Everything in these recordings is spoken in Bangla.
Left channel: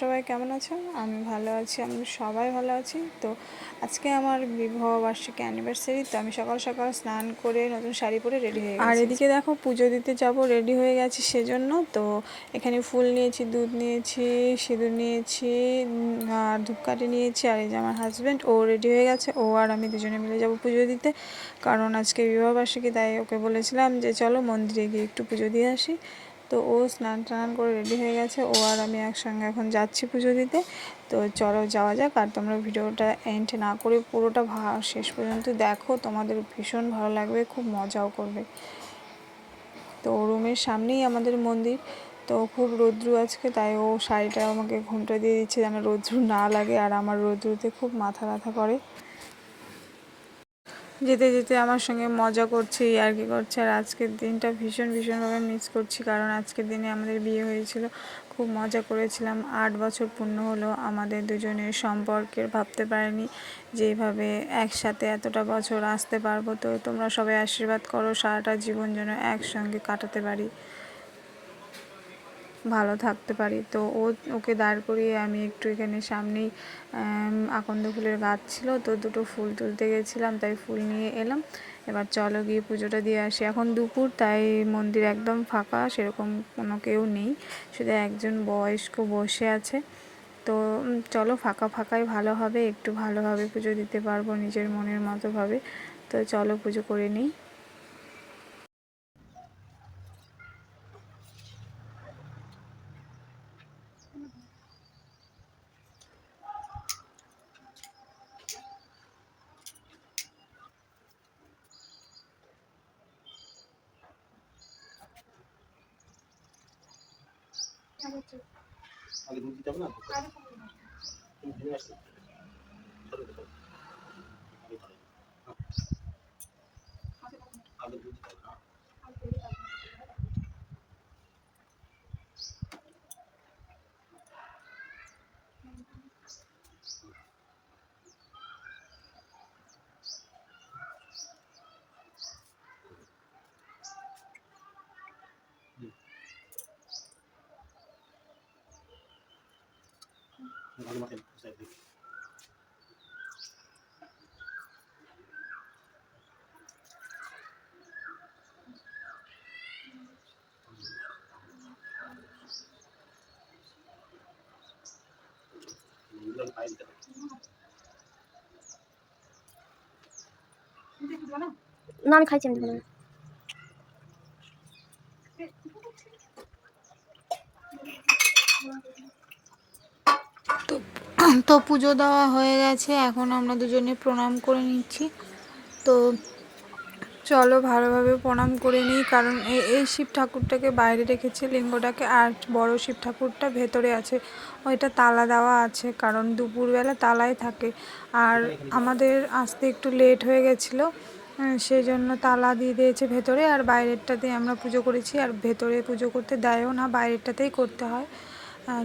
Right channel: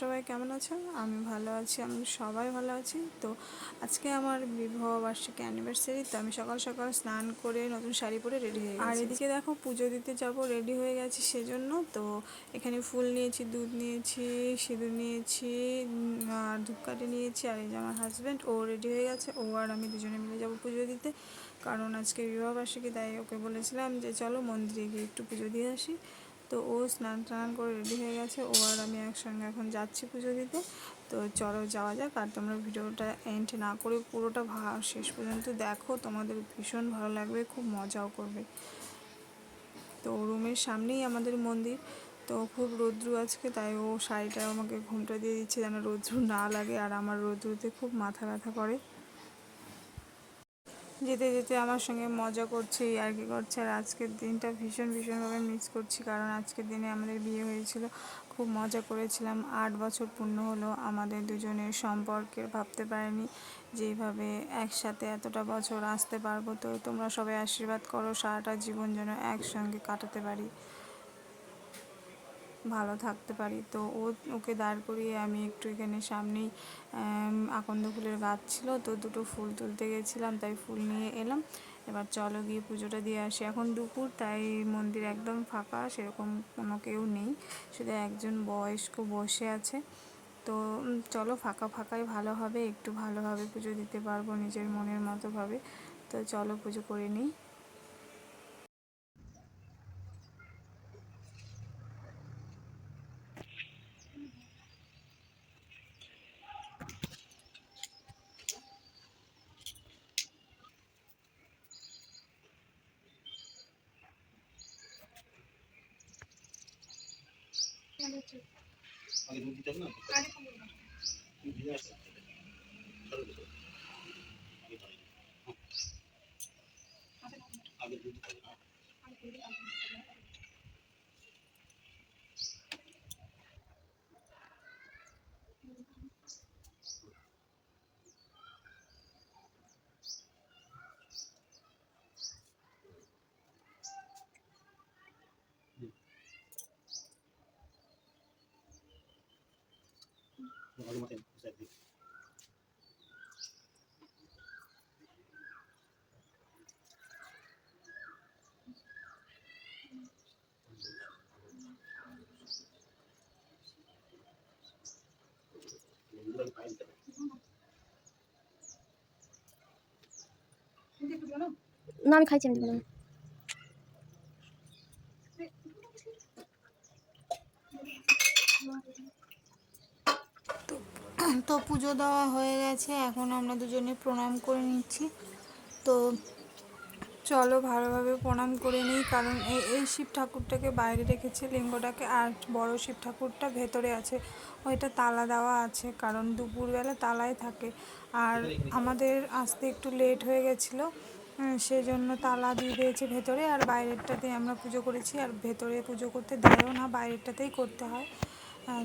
সবাই কেমন আছেন? আমি ভালো আছি, আমি সবাই ভালো আছি। তো আজকে আমার বিবাহ বার্ষিকী অ্যানিভার্সারি। তো আমি সকাল সকাল স্নান করে নতুন শাড়ি পরে রেডি হয়ে গেছি। আর এদিকে দেখো পুজো দিতে যাব, রেডি হয়ে গেছি সেজন্য। তো এখানে ফুল নিয়েছি, দুধ নিয়েছি, সিঁদুর নিয়েছি, আর ধূপকাঠি নিয়েছি। আর এই যে আমার হাজব্যান্ড, ও রেডি হয়ে গেছে। ও আর আমি দুজনে মিলে যাব পুজো দিতে, কারণ আজকে বিবাহ বার্ষিকী। তাই ওকে বলেছিলাম যে চলো মন্দিরে গিয়ে একটু পুজো দিয়ে আসি। তো ও স্নান টান করে রেডি হয়ে গেছে, ও আর আমি একসঙ্গে এখন যাচ্ছি পুজো দিতে। তো চলো যাওয়া যাক। আর তোমরা ভিডিওটা এন্ড না করে পুরোটা শেষ পর্যন্ত দেখো, তোমাদের ভীষণ ভালো লাগবে, খুব মজাও করবে। তো রুমের সামনেই আমাদের মন্দির। তো খুব রৌদ্রু আজকে, তাই ও শাড়িটা আমাকে ঘুমটা দিয়ে দিচ্ছে যেন রৌদ্রু না লাগে। আর আমার রৌদ্রুতে খুব মাথা ব্যথা করে। যেতে যেতে আমার সঙ্গে মজা করছে, ইয়ার্কি করছে। আর আজকের দিনটা ভীষণভাবে মিস করছি, কারণ আজকের দিনে আমাদের বিয়ে হয়েছিল, খুব মজা করেছিলাম। 8 বছর পূর্ণ হলো আমাদের দুজনের সম্পর্কের। ভাবতে পারিনি যে এইভাবে একসাথে এতটা বছর আসতে পারবো। তো তোমরা সবাই আশীর্বাদ করো সারাটা জীবন যেন একসঙ্গে কাটাতে পারি, ভালো থাকতে পারি। তো ওকে দাঁড় করিয়ে আমি একটু এখানে সামনেই আকন্দ ফুলের গাছ ছিল, তো দুটো ফুল তুলতে গেছিলাম, তাই ফুল নিয়ে এলাম। এবার চলো গিয়ে পুজোটা দিয়ে আসি। এখন দুপুর, তাই মন্দির একদম ফাঁকা, সেরকম কোনো কেউ নেই, শুধু একজন বয়স্ক বসে আছে। তো চলো, ফাঁকাই ভালো হবে, একটু ভালোভাবে পুজো দিতে পারবো নিজের মনের মতোভাবে। তো চলো পুজো করে নিই। আগে দুধ দিতে হবে না? তুমি ঘেমে আসছো, আগে দুধ দিতে হবে না? ভালো মতো না, আমি খাইছি। আমি তো পুজো দেওয়া হয়ে গেছে, এখন আমরা দুজনে প্রণাম করে নিচ্ছি। তো চলো ভালোভাবে প্রণাম করে নিই, কারণ এই শিব ঠাকুরটাকে বাইরে রেখেছে লিঙ্গটাকে, আর বড় শিব ঠাকুরটা ভেতরে আছে, ওইটা তালা দেওয়া আছে, কারণ দুপুরবেলা তালাই থাকে। আর আমাদের আসতে একটু লেট হয়ে গেছিলো, সেই জন্য তালা দিয়ে দিয়েছে ভেতরে। আর বাইরেরটাতেই আমরা পুজো করেছি, আর ভেতরে পুজো করতে দেয়ও না, বাইরেরটাতেই করতে হয়।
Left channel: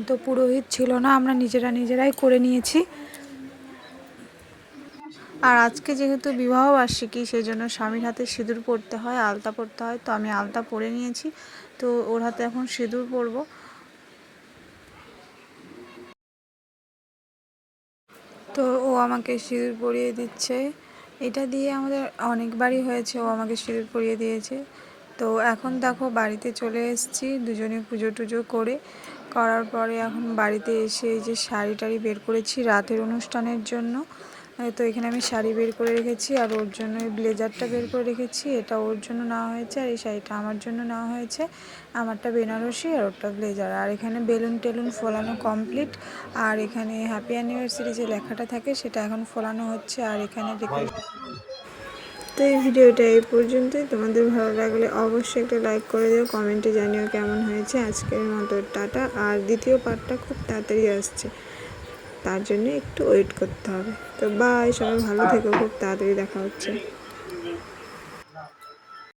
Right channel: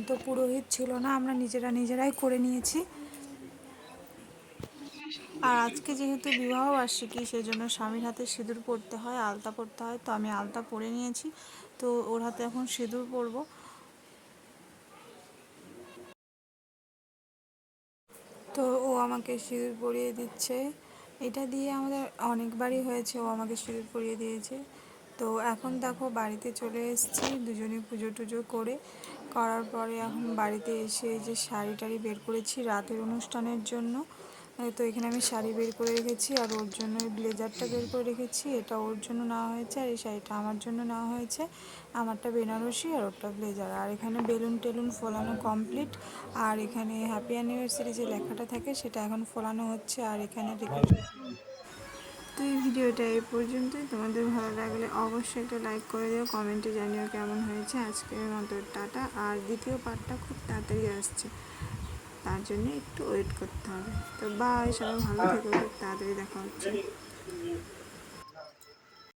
তো পুরোহিত ছিল না, আমরা নিজেরাই করে নিয়েছি। আর আজকে যেহেতু বিবাহ বার্ষিকী, সেজন্য স্বামীর হাতে সিঁদুর পরতে হয়, আলতা পরতে হয়। তো আমি আলতা পরে নিয়েছি, তো ওর হাতে এখন সিঁদুর পরবো। তো ও আমাকে সিঁদুর পরিয়ে দিচ্ছে, এটা দিয়ে আমাদের অনেকবারই হয়েছে, ও আমাকে সিঁদুর পরিয়ে দিয়েছে। তো এখন দেখো বাড়িতে চলে এসেছি, দুজনে পুজো টুজো করার পরে এখন বাড়িতে এসে এই যে শাড়ি টাড়ি বের করেছি রাতের অনুষ্ঠানের জন্য। তো এখানে আমি শাড়ি বের করে রেখেছি, আর ওর জন্য এই ব্লেজারটা বের করে রেখেছি, এটা ওর জন্য নেওয়া হয়েছে, আর এই শাড়িটা আমার জন্য নেওয়া হয়েছে। আমারটা বেনারসি আর ওরটা ব্লেজার। আর এখানে বেলুন টেলুন ফোলানো কমপ্লিট, আর এখানে হ্যাপি অ্যানিভার্সারি যে লেখাটা থাকে সেটা এখন ফোলানো হচ্ছে। আর এখানে তো এই ভিডিওটা এই পর্যন্তই। তোমাদের ভালো লাগলে অবশ্যই একটা লাইক করে দিও, কমেন্টে জানিও কেমন হয়েছে। আজকের মতো টাটা। আর দ্বিতীয় পার্টটা খুব তাড়াতাড়ি আসছে, তার জন্য একটু ওয়েট করতে হবে। তো বাই, সবাই ভালো থেকো, খুব তাড়াতাড়ি দেখা হচ্ছে।